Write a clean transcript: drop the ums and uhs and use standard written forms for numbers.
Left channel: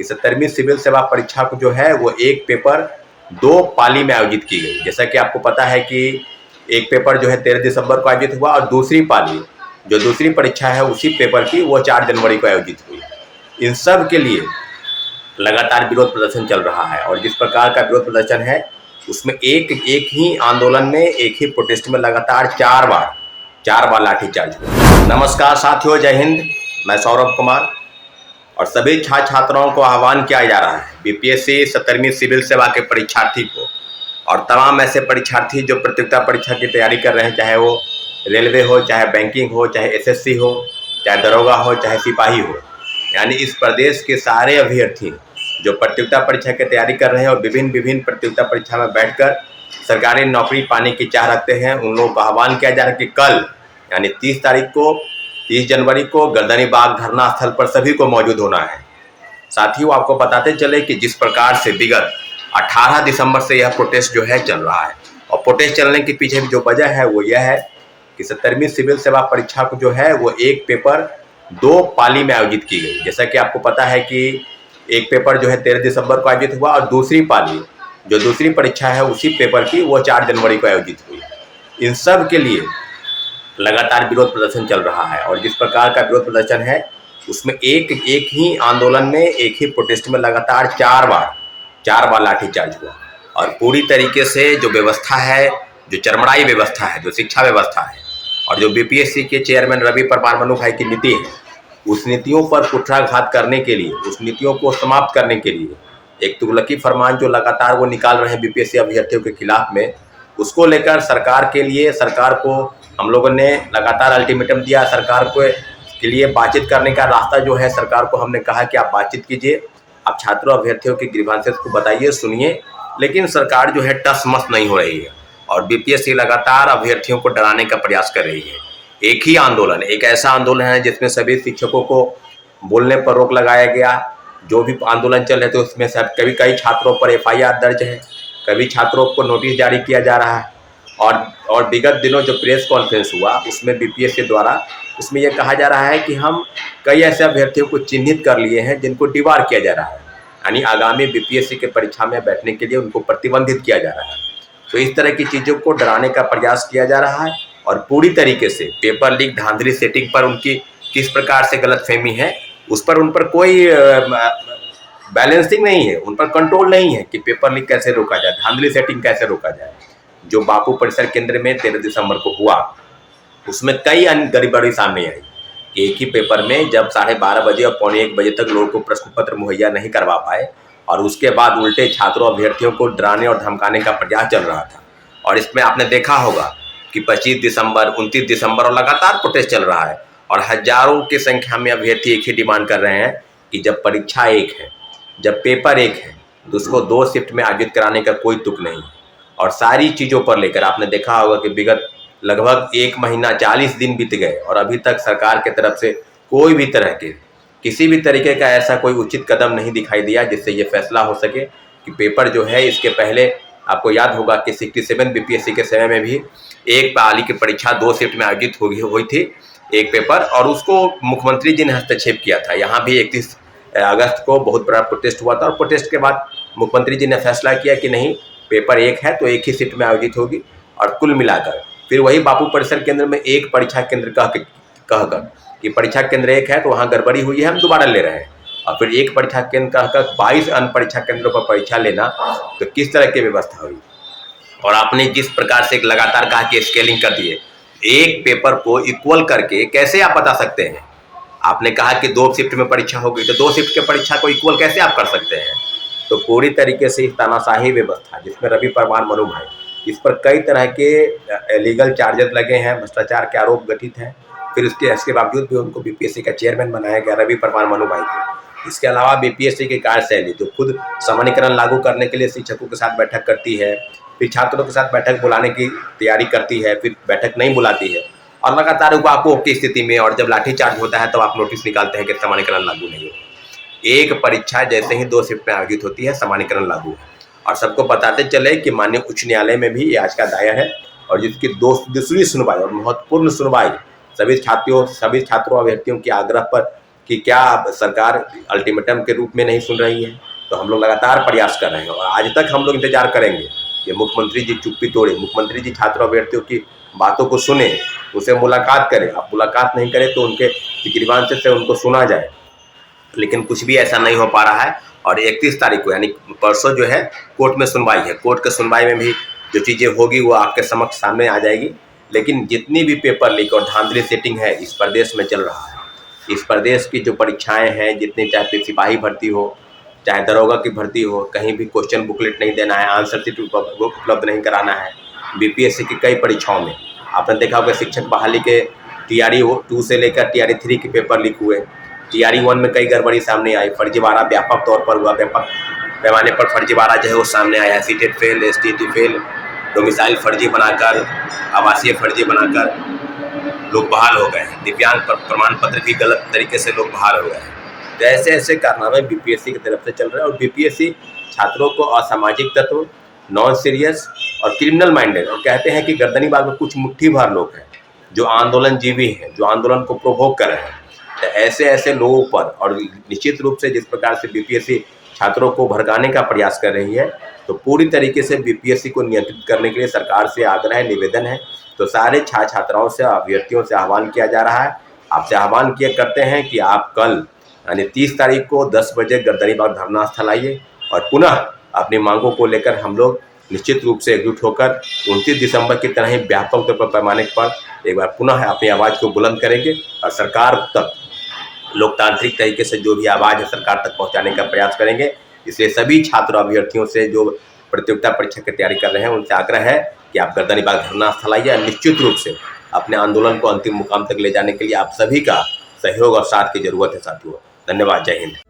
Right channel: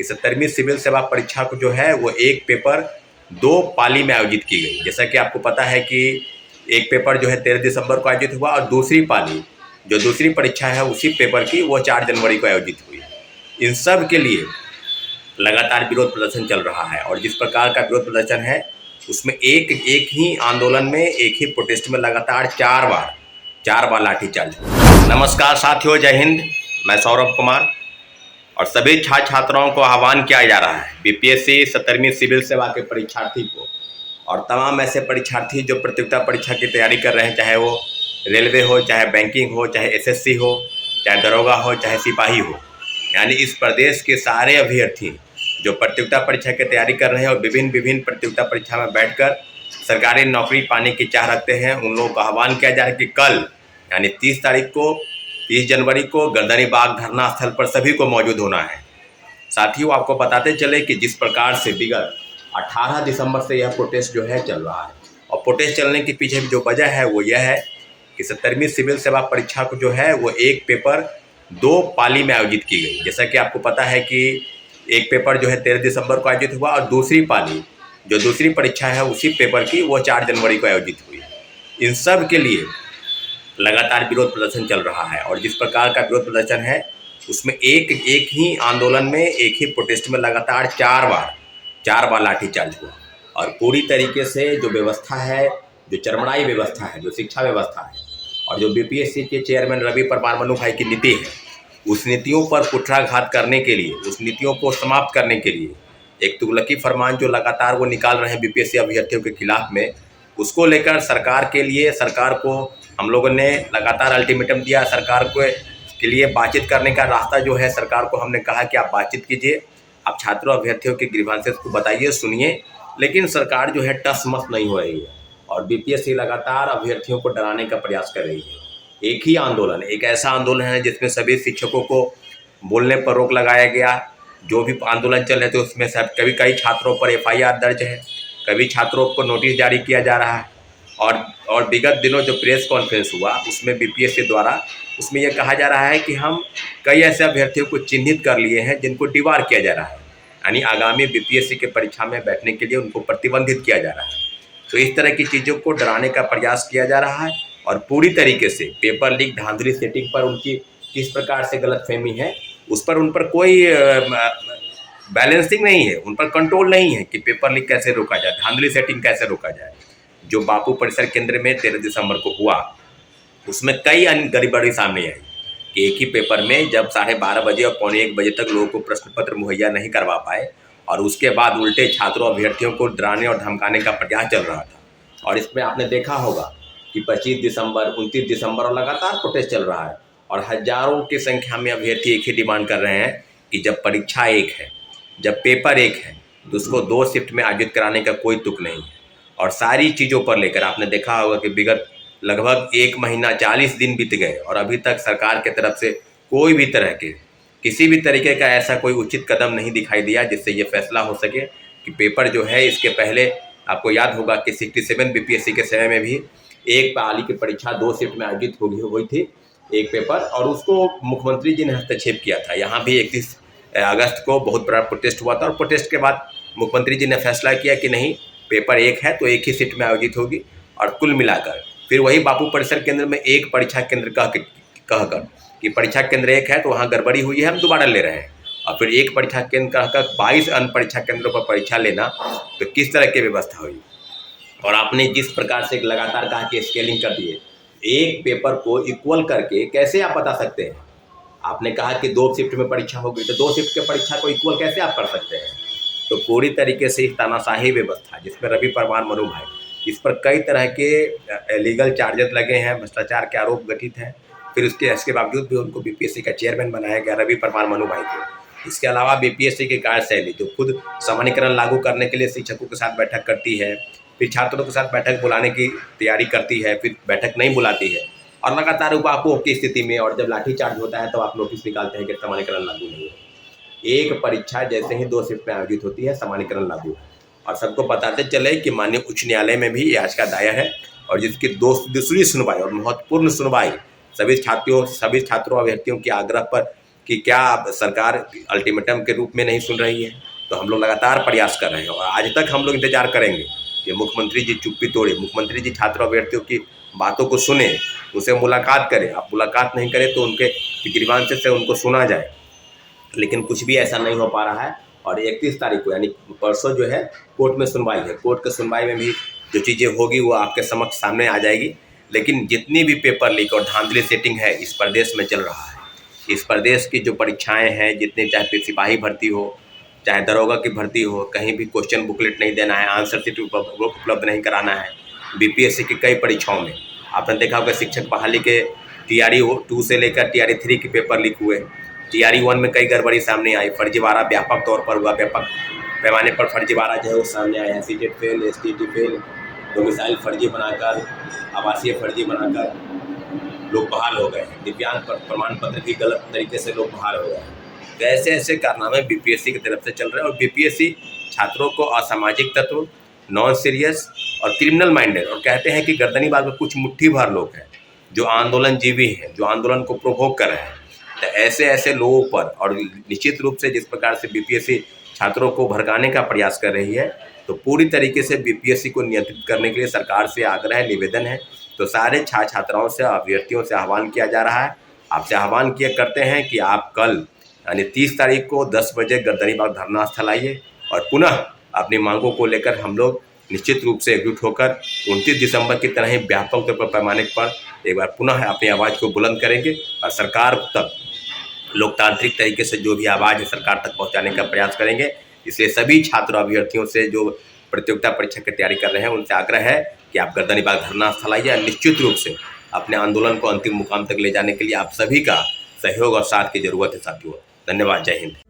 कि 70वीं सिविल सेवा परीक्षा को जो है वो एक पेपर 2 पाली में आयोजित की गई। जैसा कि आपको पता है कि एक पेपर जो है 13 दिसंबर को आयोजित हुआ और दूसरी पाली जो दूसरी परीक्षा है उसी पेपर की वो 4 जनवरी को आयोजित हुई। इन सब के लिए लगातार विरोध प्रदर्शन चल रहा है और जिस प्रकार का विरोध प्रदर्शन है उसमें एक ही आंदोलन में एक ही प्रोटेस्ट में लगातार 4 बार लाठीचार्ज हुआ। नमस्कार साथियों, जय हिंद। मैं सौरभ कुमार और सभी छात्र छात्राओं को आह्वान किया जा रहा है बीपीएससी 70वीं सिविल सेवा के परीक्षार्थी को और तमाम ऐसे परीक्षार्थी जो प्रतियोगिता परीक्षा की तैयारी कर रहे हैं, चाहे वो रेलवे हो, चाहे बैंकिंग हो, चाहे एसएससी हो, चाहे दरोगा हो, चाहे सिपाही हो, यानी इस प्रदेश के सारे अभ्यर्थी जो प्रतियोगिता परीक्षा की तैयारी कर रहे हैं और विभिन्न प्रतियोगिता परीक्षा में बैठकर सरकारी नौकरी पाने की चाह रखते हैं, उन लोगों को आह्वान किया जा रहा है कि कल यानी 30 जनवरी को गर्दनी बाग धरना स्थल पर सभी को मौजूद होना है। साथियों, आपको बताते चले कि जिस प्रकार से विगत 18 दिसंबर से यह प्रोटेस्ट जो है चल रहा है और प्रोटेस्ट चलने के पीछे जो वजह है वो यह है कि 70वीं सिविल सेवा परीक्षा को जो है वो एक पेपर 2 पाली में आयोजित की गई। जैसा कि आपको पता है कि एक पेपर जो है 13 दिसंबर को आयोजित हुआ और दूसरी पाली जो दूसरी परीक्षा है उसी पेपर की वो 4 जनवरी को आयोजित हुई। इन सब के लिए लगातार विरोध प्रदर्शन चल रहा है और जिस प्रकार का विरोध प्रदर्शन है उसमें एक ही आंदोलन में एक ही प्रोटेस्ट में लगातार 4 बार लाठीचार्ज हुआ और पूरी तरीके से जो व्यवस्था है, जो चरमराई व्यवस्था है, जो शिक्षा व्यवस्था है और जो बीपीएससी के चेयरमैन रवि परमार मनु भाई की नीति है, उस नीतियों पर कुठाराघात करने के लिए, उस नीतियों को समाप्त करने के लिए एक तुगलकी फरमान जो लगातार वो निकाल रहे हैं बीपीएससी अभ्यर्थियों के खिलाफ में, उसको लेकर सरकार को हम लोगों ने लगातार अल्टीमेटम दिया। सरकार को के लिए बातचीत करने का रास्ता जो है, सरकार को हमने कहा कि आप बातचीत कीजिए, आप छात्रों अभ्यर्थियों के ग्रीवांसेस को बताइए, सुनिए, लेकिन सरकार जो है टस मस नहीं हो रही है और बीपीएससी लगातार अभ्यर्थियों को डराने का प्रयास कर रही है। एक ही आंदोलन, एक ऐसा आंदोलन है जिसमें सभी शिक्षकों को बोलने पर रोक लगाया गया। जो भी आंदोलन चल रहे थे उसमें सब कई छात्रों पर एफआईआर दर्ज है, कभी छात्रों को नोटिस जारी किया जा रहा है और विगत दिनों जो प्रेस कॉन्फ्रेंस हुआ उसमें बीपीएससी द्वारा उसमें यह कहा जा रहा है कि हम कई ऐसे अभ्यर्थियों को चिन्हित कर लिए हैं जिनको डिबार किया जा रहा है, यानी आगामी बीपीएससी के परीक्षा में बैठने के लिए उनको प्रतिबंधित किया जा रहा है। तो इस तरह की चीज़ों को डराने का प्रयास किया जा रहा है और पूरी तरीके से पेपर लीक धांधली सेटिंग पर उनकी किस प्रकार से गलतफहमी है उस पर उन पर कोई बैलेंसिंग नहीं है, उन पर कंट्रोल नहीं है कि पेपर लीक कैसे रोका जाए, धांधली सेटिंग कैसे रोका जाए। जो बापू परिसर केंद्र में 13 दिसंबर को हुआ उसमें कई अन्य गड़बड़ी सामने आई कि एक ही पेपर में जब 12:30 बजे और 12:45 बजे तक लोगों को प्रश्न पत्र मुहैया नहीं करवा पाए और उसके बाद उल्टे छात्रों अभ्यर्थियों को डराने और धमकाने का प्रयास चल रहा था। और इसमें आपने देखा होगा कि 25 दिसंबर, 29 दिसंबर और लगातार प्रोटेस्ट चल रहा है और हजारों की संख्या में अभ्यर्थी एक ही डिमांड कर रहे हैं कि जब परीक्षा एक है, जब पेपर एक है तो उसको 2 शिफ्ट में आयोजित कराने का कोई तुक नहीं है। और सारी चीज़ों पर लेकर आपने देखा होगा कि विगत लगभग 1 महीना 40 दिन बीत गए और अभी तक सरकार की तरफ से कोई भी तरह के किसी भी तरीके का ऐसा कोई उचित कदम नहीं दिखाई दिया जिससे ये फैसला हो सके कि पेपर जो है, इसके पहले आपको याद होगा कि 67 बीपीएससी के समय में भी एक पाली की परीक्षा 2 शिफ्ट में आयोजित हुई थी एक पेपर और उसको मुख्यमंत्री जी ने हस्तक्षेप किया था। यहाँ भी 31 अगस्त को बहुत बड़ा प्रोटेस्ट हुआ था और प्रोटेस्ट के बाद मुख्यमंत्री जी ने फैसला किया कि नहीं, पेपर एक है तो एक ही शिफ्ट में आयोजित होगी और कुल मिलाकर फिर वही बापू परिसर केंद्र में एक परीक्षा केंद्र कहकर कि परीक्षा केंद्र एक है तो वहाँ गड़बड़ी हुई है, हम दोबारा ले रहे हैं और फिर एक परीक्षा केंद्र कहकर 22 अन्य परीक्षा केंद्रों पर परीक्षा लेना, तो किस तरह की व्यवस्था हुई। और आपने जिस प्रकार से लगातार कहा कि स्केलिंग कर दिए, एक पेपर को इक्वल करके कैसे आप बता सकते हैं। आपने कहा कि 2 शिफ्ट में परीक्षा होगी तो 2 शिफ्ट के परीक्षा को इक्वल कैसे आप कर सकते हैं। तो पूरी तरीके से इस तानाशाही व्यवस्था जिसमें रवि परमार मनु भाई, इस पर कई तरह के लीगल चार्जेस लगे हैं, भ्रष्टाचार के आरोप गठित हैं, फिर इसके बावजूद भी उनको बीपीएससी का चेयरमैन बनाया गया रवि परमार मनु भाई को। इसके अलावा बीपीएससी की कार्यशैली जो खुद सामान्यीकरण लागू करने के लिए शिक्षकों के साथ बैठक करती है, फिर छात्रों के साथ बैठक बुलाने की तैयारी करती है, फिर बैठक नहीं बुलाती है और लगातार वाकआउट की स्थिति में और जब लाठीचार्ज होता है तो आप नोटिस निकालते हैं कि सामान्यीकरण लागू नहीं है। एक परीक्षा जैसे ही 2 शिफ्ट में आयोजित होती है, सामान्यीकरण लागू है। और सबको बताते चले कि माननीय उच्च न्यायालय में भी याचिका दायर है और जिसकी दूसरी सुनवाई और महत्वपूर्ण सुनवाई सभी छात्रों अभ्यर्थियों के आग्रह पर कि क्या सरकार अल्टीमेटम के रूप में नहीं सुन रही है। तो हम लोग लगातार प्रयास कर रहे हैं और आज तक हम लोग इंतजार करेंगे कि मुख्यमंत्री जी चुप्पी तोड़े, मुख्यमंत्री जी छात्र अभ्यर्थियों की बातों को सुने, उनसे मुलाकात करें। अब मुलाकात नहीं करें तो उनके गिरबान से उनको सुना जाए, लेकिन कुछ भी ऐसा नहीं हो पा रहा है। और 31 तारीख को यानी परसों जो है कोर्ट में सुनवाई है। कोर्ट के सुनवाई में भी जो चीज़ें होगी वो आपके समक्ष सामने आ जाएगी। लेकिन जितनी भी पेपर लीक और धांधली सेटिंग है इस प्रदेश में चल रहा है, इस प्रदेश की जो परीक्षाएं हैं, जितनी चाहे सिपाही भर्ती हो, चाहे दरोगा की भर्ती हो, कहीं भी क्वेश्चन बुकलेट नहीं देना है, आंसर शीट उपलब्ध नहीं कराना है। बीपीएससी की कई परीक्षाओं में आपने देखा होगा शिक्षक बहाली के TRE 2 से लेकर TRE 3 के पेपर लीक हुए। TRE 1 में कई गड़बड़ी सामने आई, फर्जीवाड़ा व्यापक तौर पर हुआ, व्यापक पैमाने पर फर्जीवाड़ा जो है वो सामने आया। CTET fail, STT fail, domicile फर्जी बनाकर, आवासीय फर्जी बनाकर लोग बहाल हो गए हैं। दिव्यांग प्रमाण पत्र भी गलत तरीके से लोग बहाल हो गए हैं। तो ऐसे ऐसे कारनामे बीपीएससी की तरफ से चल रहे हैं और बीपीएससी छात्रों को असामाजिक तत्व, नॉन सीरियस और क्रिमिनल माइंडेड, और कहते हैं कि गर्दनीबाग में कुछ मुट्ठी भर लोग हैं जो आंदोलनजीवी हैं, जो आंदोलन को प्रोवोक कर रहे हैं। तो ऐसे ऐसे लोगों पर, और निश्चित रूप से जिस प्रकार से बीपीएससी छात्रों को भड़काने का प्रयास कर रही है, तो पूरी तरीके से बीपीएससी को नियंत्रित करने के लिए सरकार से आग्रह है, निवेदन है। तो सारे छात्राओं से, अभ्यर्थियों से आह्वान किया जा रहा है, आपसे आह्वान किया करते हैं कि आप कल यानी 30 तारीख को 10 बजे गर्दनीबाग धरना स्थल आइए और पुनः अपनी मांगों को लेकर हम लोग निश्चित रूप से एकजुट होकर 29 दिसंबर की तरह ही व्यापक तौर पर पैमाने पर एक बार पुनः अपनी आवाज़ को बुलंद करेंगे और सरकार तक लोकतांत्रिक तरीके से जो भी आवाज़ है सरकार तक पहुंचाने का प्रयास करेंगे। इसलिए सभी छात्र अभ्यर्थियों से जो प्रतियोगिता परीक्षा की तैयारी कर रहे हैं उनसे आग्रह है कि आप गर्दनीबाग धरना स्थल आइए। निश्चित रूप से अपने आंदोलन को अंतिम मुकाम तक ले जाने के लिए आप सभी का सहयोग और साथ की जरूरत है साथियों। धन्यवाद। जय हिंद।